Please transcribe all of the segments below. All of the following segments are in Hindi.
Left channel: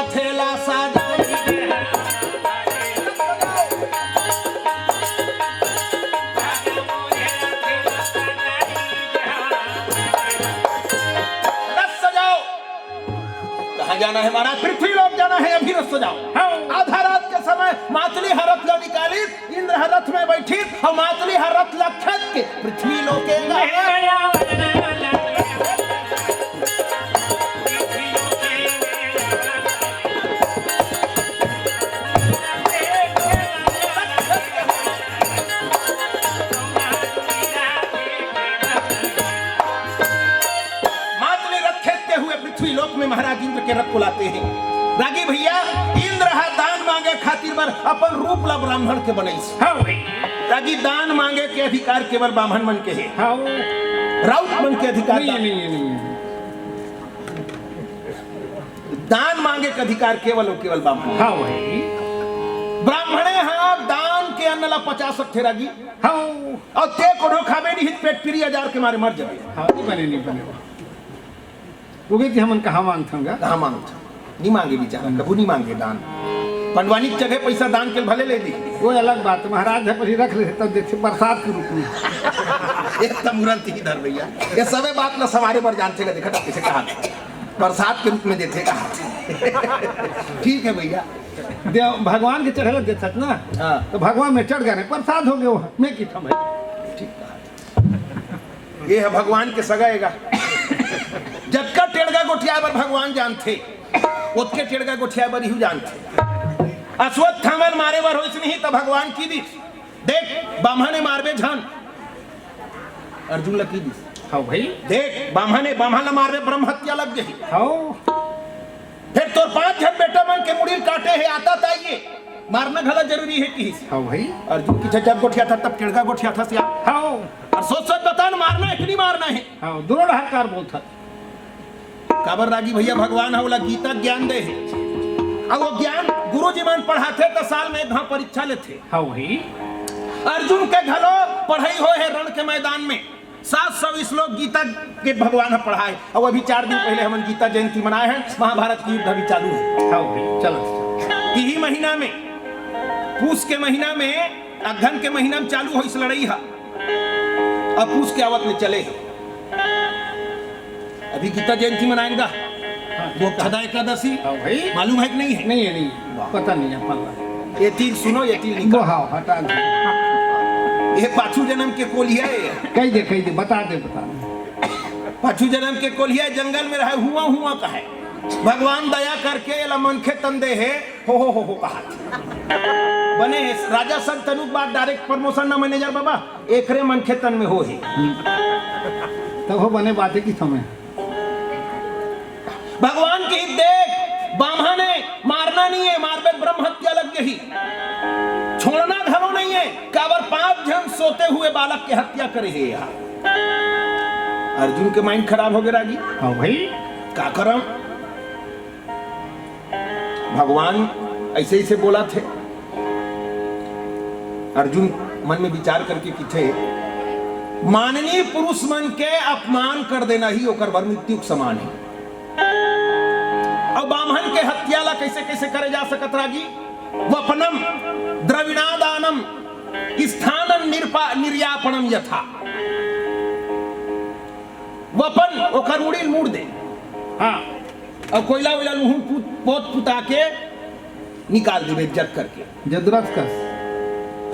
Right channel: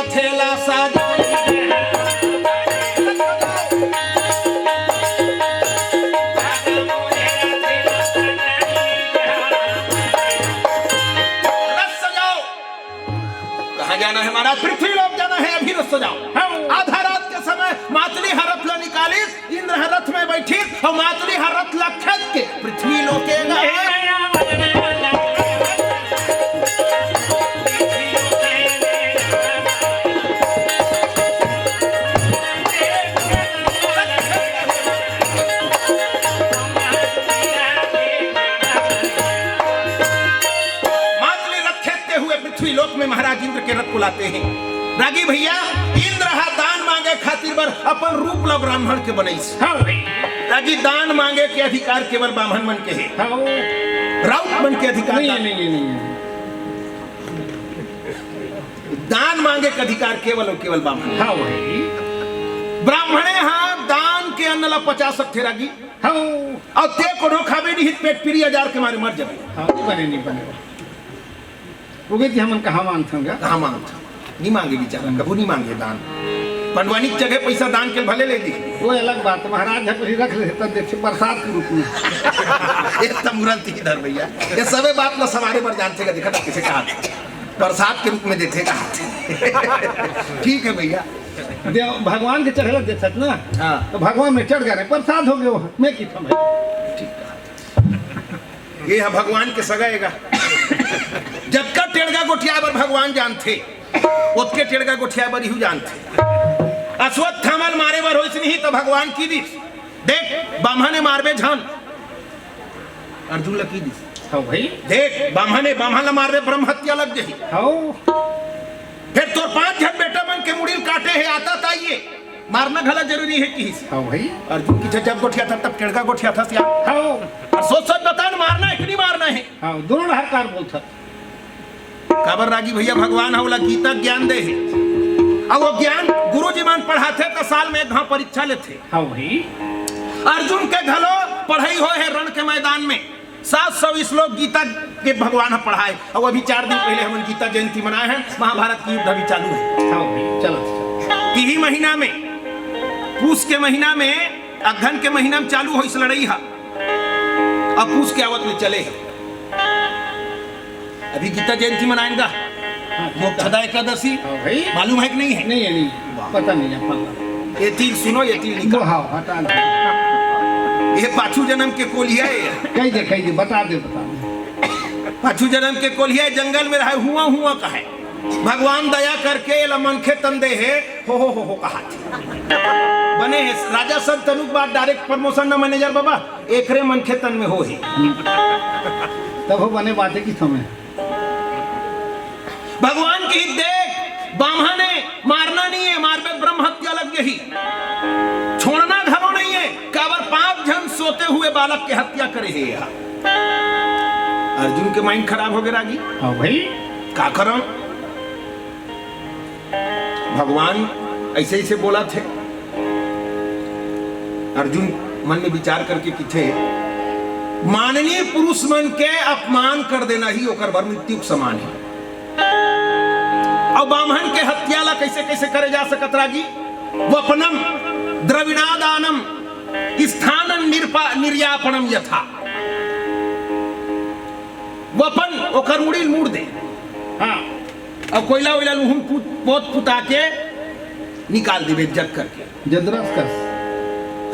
रथेला सजाई जाना है महाराज, पृथ्वी लोक जाना है, अभी रथ सजाओ। आधा रात के समय मातली हरथ ला निकाली, इंद्र हरथ में बैठी और मातली हरथ ला खेत के पृथ्वी लोकेगा। पृथ्वी लोक में महाराज इंद्र के रथ को लाते हैं। रागी भैया इंद्र हा दान मांगे खातिर बर अपन रूप ला ब्राह्मण के बनईस। रागी दान मांगे के अधिकार केवल ब्राह्मण मन के है, राउत मन के अधिकार नहीं। दान मांगे के अधिकार केवल और केवल ब्राह्मण। ब्राह्मणे हाँ दान के अन्न ला 50 सकते रागी और ते को खावे नहीं पेट पीरी हजार के मारे मर जावे। नहीं बने उगे हमन कहाँ मांगथंगा, कहाँ मांगथा नहीं मांगे बेचारा, कबू नहीं मांगे दान। पंडवानी की जगह पैसा दान के भले ले दी, वो अलग बात। महाराज है पर रख ले तब देखे बरसात के रूप में ये तमुरल थी इधर भैया, ये सबे बात ना सवारे पर जानते का देखा था किसे कहा बरसात के रूप में देते कहा। ठीक है भैया, भगवान के चढ़े देते ना। हाँ तो भगवान में चढ़ गए प्रसाद हो गए मैं की था भाई। ठीक कहा, ये है भगवान के सगाएगा। जब का टेढ़गा गोठिया बर भगवान जानते, उसके टेढ़गा गोठिया बर यू जानते। अश्वत्थामल मारे बर होइस नहीं तो भगवान की दिस देख बामहा ने मारबे झान अर्जुन ला की दिस। हाँ भाई देख बामहा ने मारबे ब्रह्म हत्या लग गई। हाँ फिर तोर 5 जन बेटा मन के मुड़ील काटे है आता ताइए मारना घला जरूरी है कि। हाँ भाई अर्जुन की जब गोठिया था तब टेढ़गा गोठिया था सिया। हाँ और सोच बता न मारना है कि नहीं मारना है। हाँ दोनों हकार बोलता काबर रागी भैया भगवान हवला गीता ज्ञान दे है और वो ज्ञान गुरु जी मान पढ़ाते तो साल में एक परीक्षा लेते। हाँ वही अर्जुन के घलो पढ़ाई हो है रण के मैदान में 700 श्लोक गीता के भगवान पढ़ाए और अभी 4 दिन पहले हम गीता जयंती मनाए हैं। महाभारत की युद्ध अभी चालू है। हाँ वही चलो यही महीना में पूस के महीना में अघन के महीना में चालू हो इस लड़ाई है। अब पूस के आवत में चले है, अभी गीता जयंती मनाएंगा। मोक्षदा एकादशी मालूम है कि नहीं है? नहीं पता नहीं है। ये तीर सुनो, ये तीर निकाल। हटा ये पाछू जन्म के कोलिया है। कही दे बता दे पाछू जन्म के कोलिया जंगल में रहे हुआ का है। भगवान दया करके मनखे तंदे है हो कहा बने है राजा संत तनुक बाद डायरेक्ट प्रमोशन न मैनेजर बाबा एकरे मनखे तन में हो है तब हो बने बातें की समय भगवान की देख बामहा ने मारना नहीं है, मारबे ब्रह्म हत्या लग गई। छोड़ना घरों नहीं है, काबर 5 जन सोते हुए बालक के हत्या करे है। यहाँ अर्जुन के माइंड खराब हो गए रागी। हाँ भाई का करम भगवान ऐसे ही बोला थे। अर्जुन मन में विचार करके कि थे माननीय पुरुष मन के अपमान कर देना ही ओकर भर मृत्यु के समान है। और बामहन के हत्या ला कैसे कैसे करे जा सकत रागी। वपनम द्रविणादानम स्थानम निर्यापणम यथा। वपन ओकर मुड़ील मुड़ दे। हाँ और कोयला वोयला लुहुन पोत पुता के निकाल दे जग करके जदरत कर।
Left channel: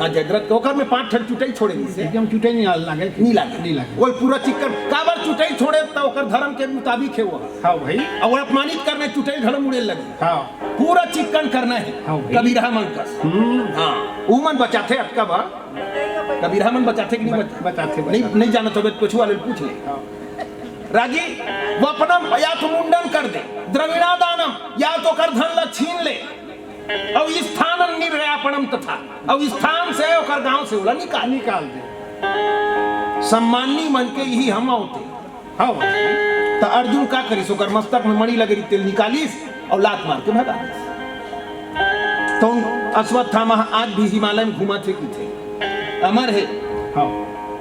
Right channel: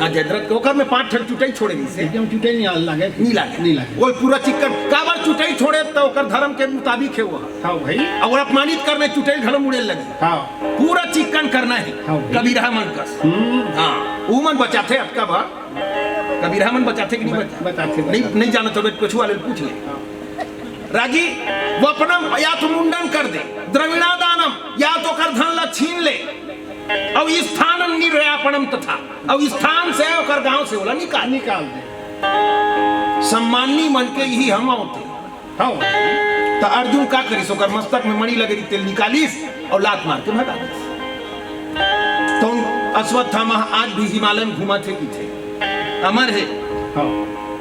हाँ जदरत ओकर में 5 ठन चुटाई छोड़े से एकदम चुटाई नहीं लागे वो पूरा चिकन काबर चुटाई छोड़े तो ओकर धर्म के मुताबिक है वो। हाँ भाई और अपमानित करने चुटाई घड़ मुड़े लगे। हाँ पूरा चिकन करना है। हाँ कबीरा मन कस। हाँ वो मन बचाते अटका बा कबीरा मन बचाते कि नहीं बचाते नहीं जाना तो कुछ वाले पूछ ले। रागी वपनम या तो मुंडन कर दे, द्रविणादानम या तो कर धन ला छीन ले और स्थान निर्यापणम तथा और स्थान से और गांव से बोला निकाल दे। सम्मानी मन के ही हम होते। हाँ तो अर्जुन का करी सोकर मस्तक में मणि लगे तेल निकालीस और लात मार के भगा दीस। तो अश्वत्थामा आज भी हिमालय में घुमा थे कि थे अमर है। हाँ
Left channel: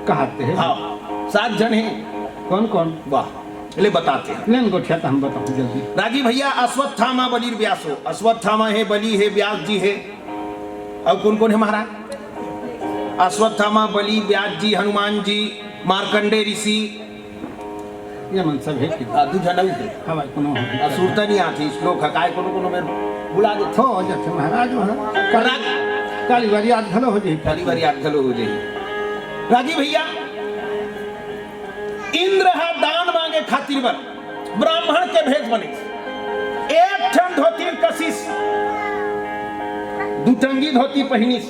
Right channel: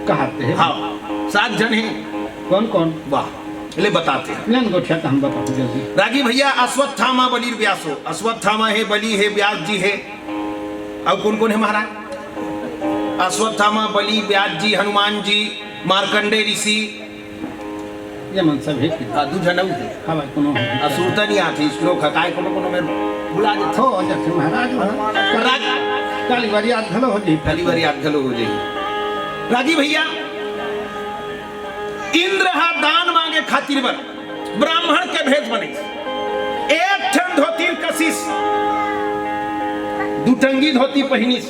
कहते हैं। हाँ 7 जन हैं। कौन कौन? वाह ले बताते हैं। लेन गोठिया का हम बताओ जल्दी। रागी भैया अश्वत्थामा बलि व्यासो, अश्वत्थामा है, बलि है, व्यास जी है, अब कौन कौन है महाराज? अश्वत्थामा, बलि, व्यास जी, हनुमान जी, मार्कंडे ऋषि, ये मन सब है कि दू जनऊ है। हवा कोनो हो असुर तो नहीं आती, श्लोक हकाय कोनो में भुला देते हो जाते महाराज राज काली बारी याद भलो हो जाई पहली बार याद गलो हो जाएगी। रागी भैया इंद्र हा दान मांगे खातिर बर ब्राह्मण के भेद बने, एक ठन धोती कशिश, दुटंगी धोती पहिनिस,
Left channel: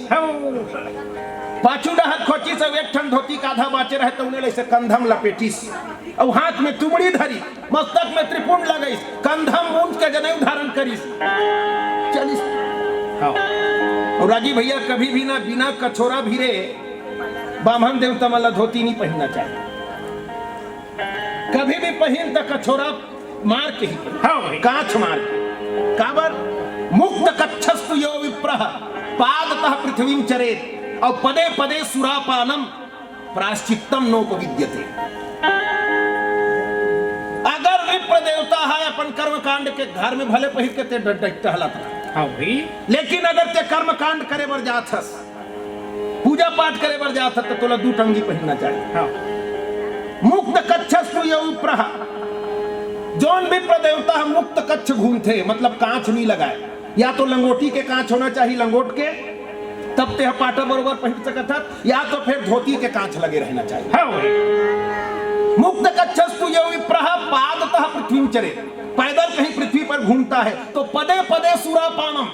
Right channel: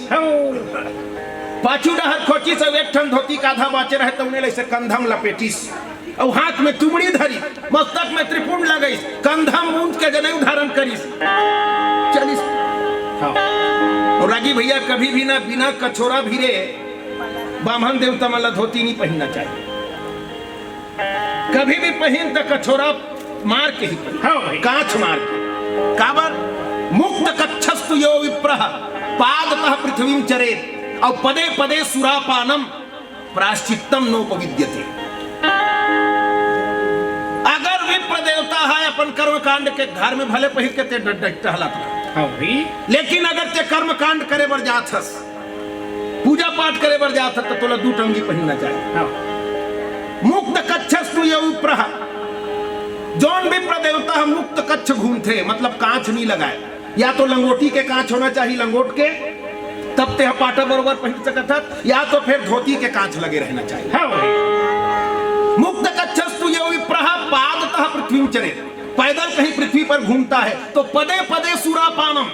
पाछू डहर खोचिस, और एक ठन धोती का आधा बाचे रहे तो उन्हें ऐसे कंधम लपेटिस, और हाथ में तुमड़ी धरी, मस्तक में त्रिपुंड लगाइस, कंधम ऊंच के जनेऊ धारण करिस, चलिस। और रागी भैया कभी भी ना बिना कछोरा भिरे बामन देवता वाला धोती नहीं पहनना चाहिए, कभी भी पहन तो कछोरा मार के ही पहन, कांच मार के। काबर मुक्त कच्छस्तु यो विप्रः पादतः पृथ्वीं चरेत, और पदे पदे सुरापानम प्रायश्चित्तम नोपविद्यते। अगर विप्र देवता है अपन कर्म कांड के घर में भले पहिर के ते टहलत रहा, लेकिन अगर ते कर्म कांड करे बर जात हस, पूजा पाठ करे बर जात हस, तो तोला दू टंगी पहनना चाहिए। मुक्त कच्छस्तु यो विप्रः, जौन विप्र देवता हम मुक्त कच्छ घूमते, मतलब कांच नहीं लगाए, या तो लंगोटी के कांच होना चाहिए, लंगोट के, तब ते पाटा बरोबर पहन सकत है, या तो फिर धोती के कांच लगे रहना चाहिए। मुक्त कच्छस्तु यो विप्रः पादतः पृथ्वीं चरेत, पैदल कहीं पृथ्वी पर घूमता है तो पदे पदे सुरापानम,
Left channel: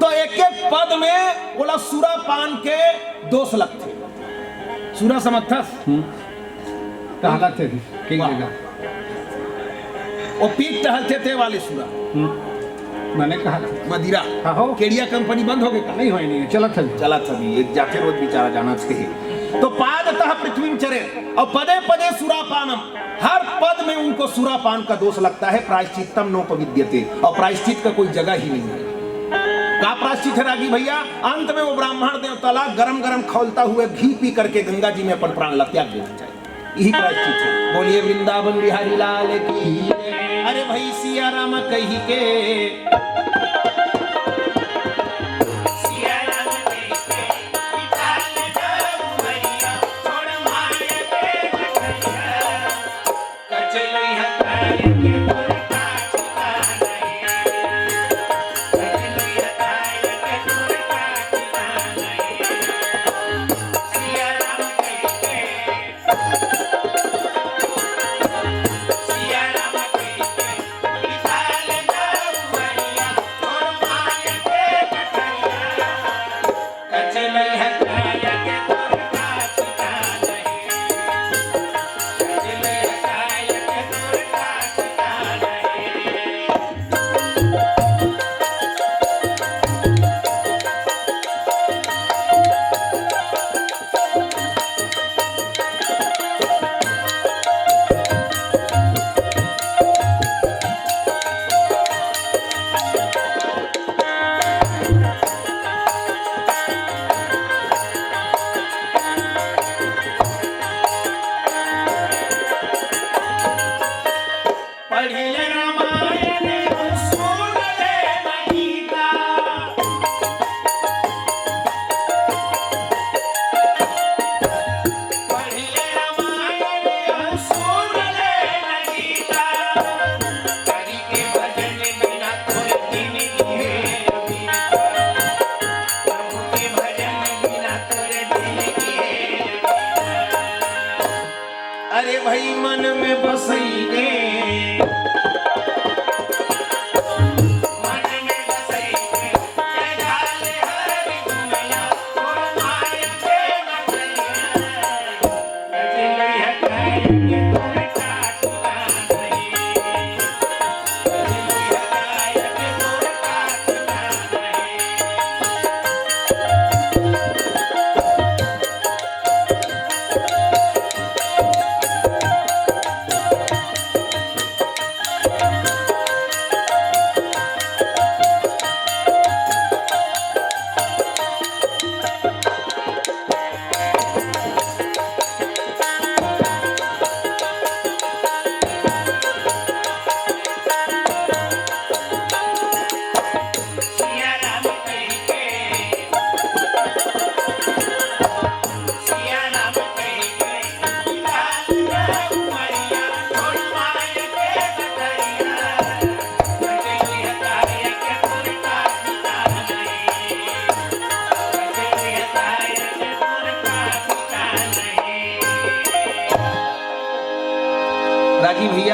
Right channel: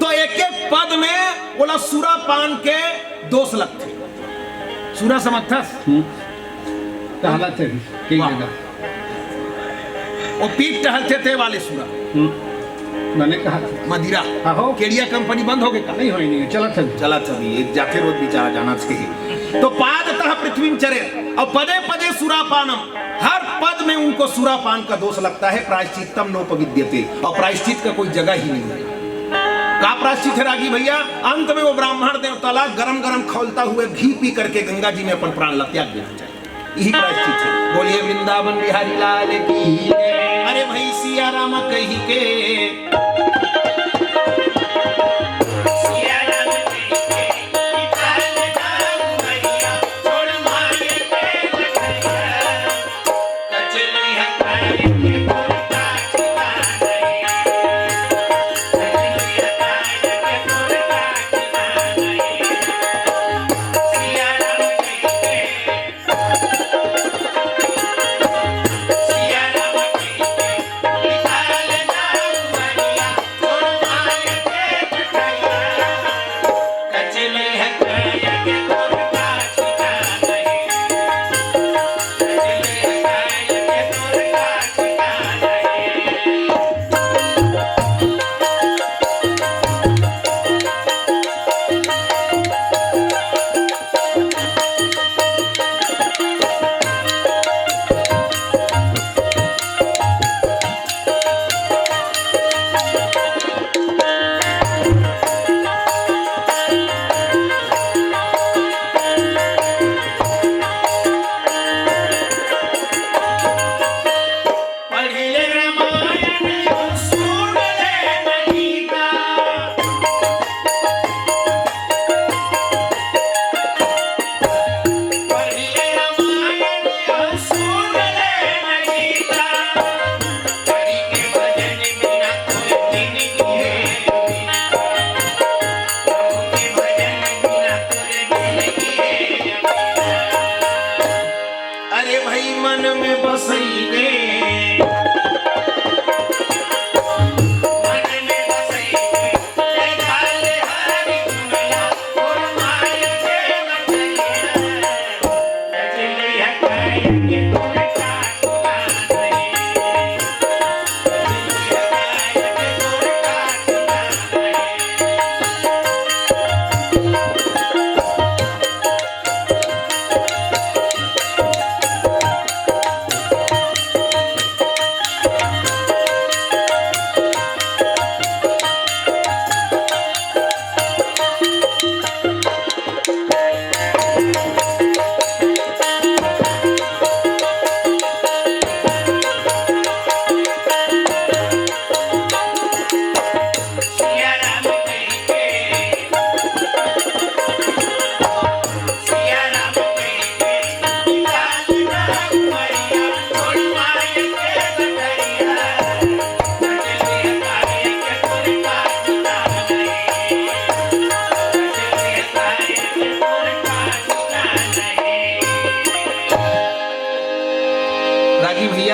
तो एक एक पद में बोला सुरापान के दोष लगते। सुरा समर्थस टहलते कई जगह, वो पीठ टहलते थे वाले सुरा, मैंने कहा मदिरा केड़िया कंपनी बंद हो गई, नहीं होई नहीं चला थी एक जाके रोज बेचारा जाना चाहिए। तो पादतः पृथ्वीं चरे, और पदे पदे सुरापानम, हर पद में उनको सुरापान का दोष लगता है। प्रायश्चित्तम नोपविद्यते, और प्रायश्चित का कोई जगह ही नहीं है। का प्रायश्चित है रागी भैया? अंत में वो ब्राह्मण देवता गरम गरम खौलता हुए घी पी करके गंगा जी में अपन प्राण त्याग देना चाहिए, यही प्रायश्चित है। बोलिए वृंदावन बिहारी लाल की। अरे भाई सिया राम कही के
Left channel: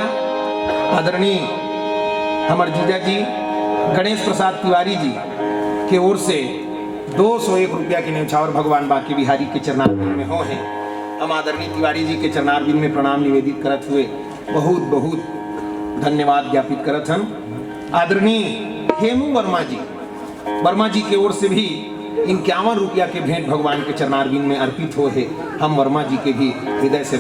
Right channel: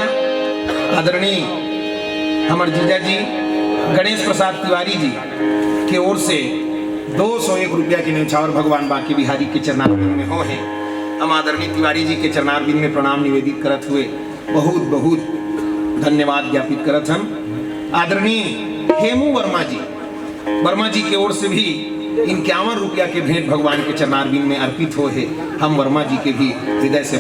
भैया आदरणीय हमारे जीजा जी गणेश प्रसाद तिवारी जी के ओर से 201 रुपया की न्यौछावर भगवान बाकी बिहारी के चरणारविंद में हो है। हम आदरणीय तिवारी जी के चरणारविंद में प्रणाम निवेदित करत हुए बहुत बहुत धन्यवाद ज्ञापित करत हम। आदरणीय हेमू वर्मा जी के ओर से भी 51 रुपया के भेंट भगवान के चरणारविंद में अर्पित हो है। हम वर्मा जी के भी हृदय से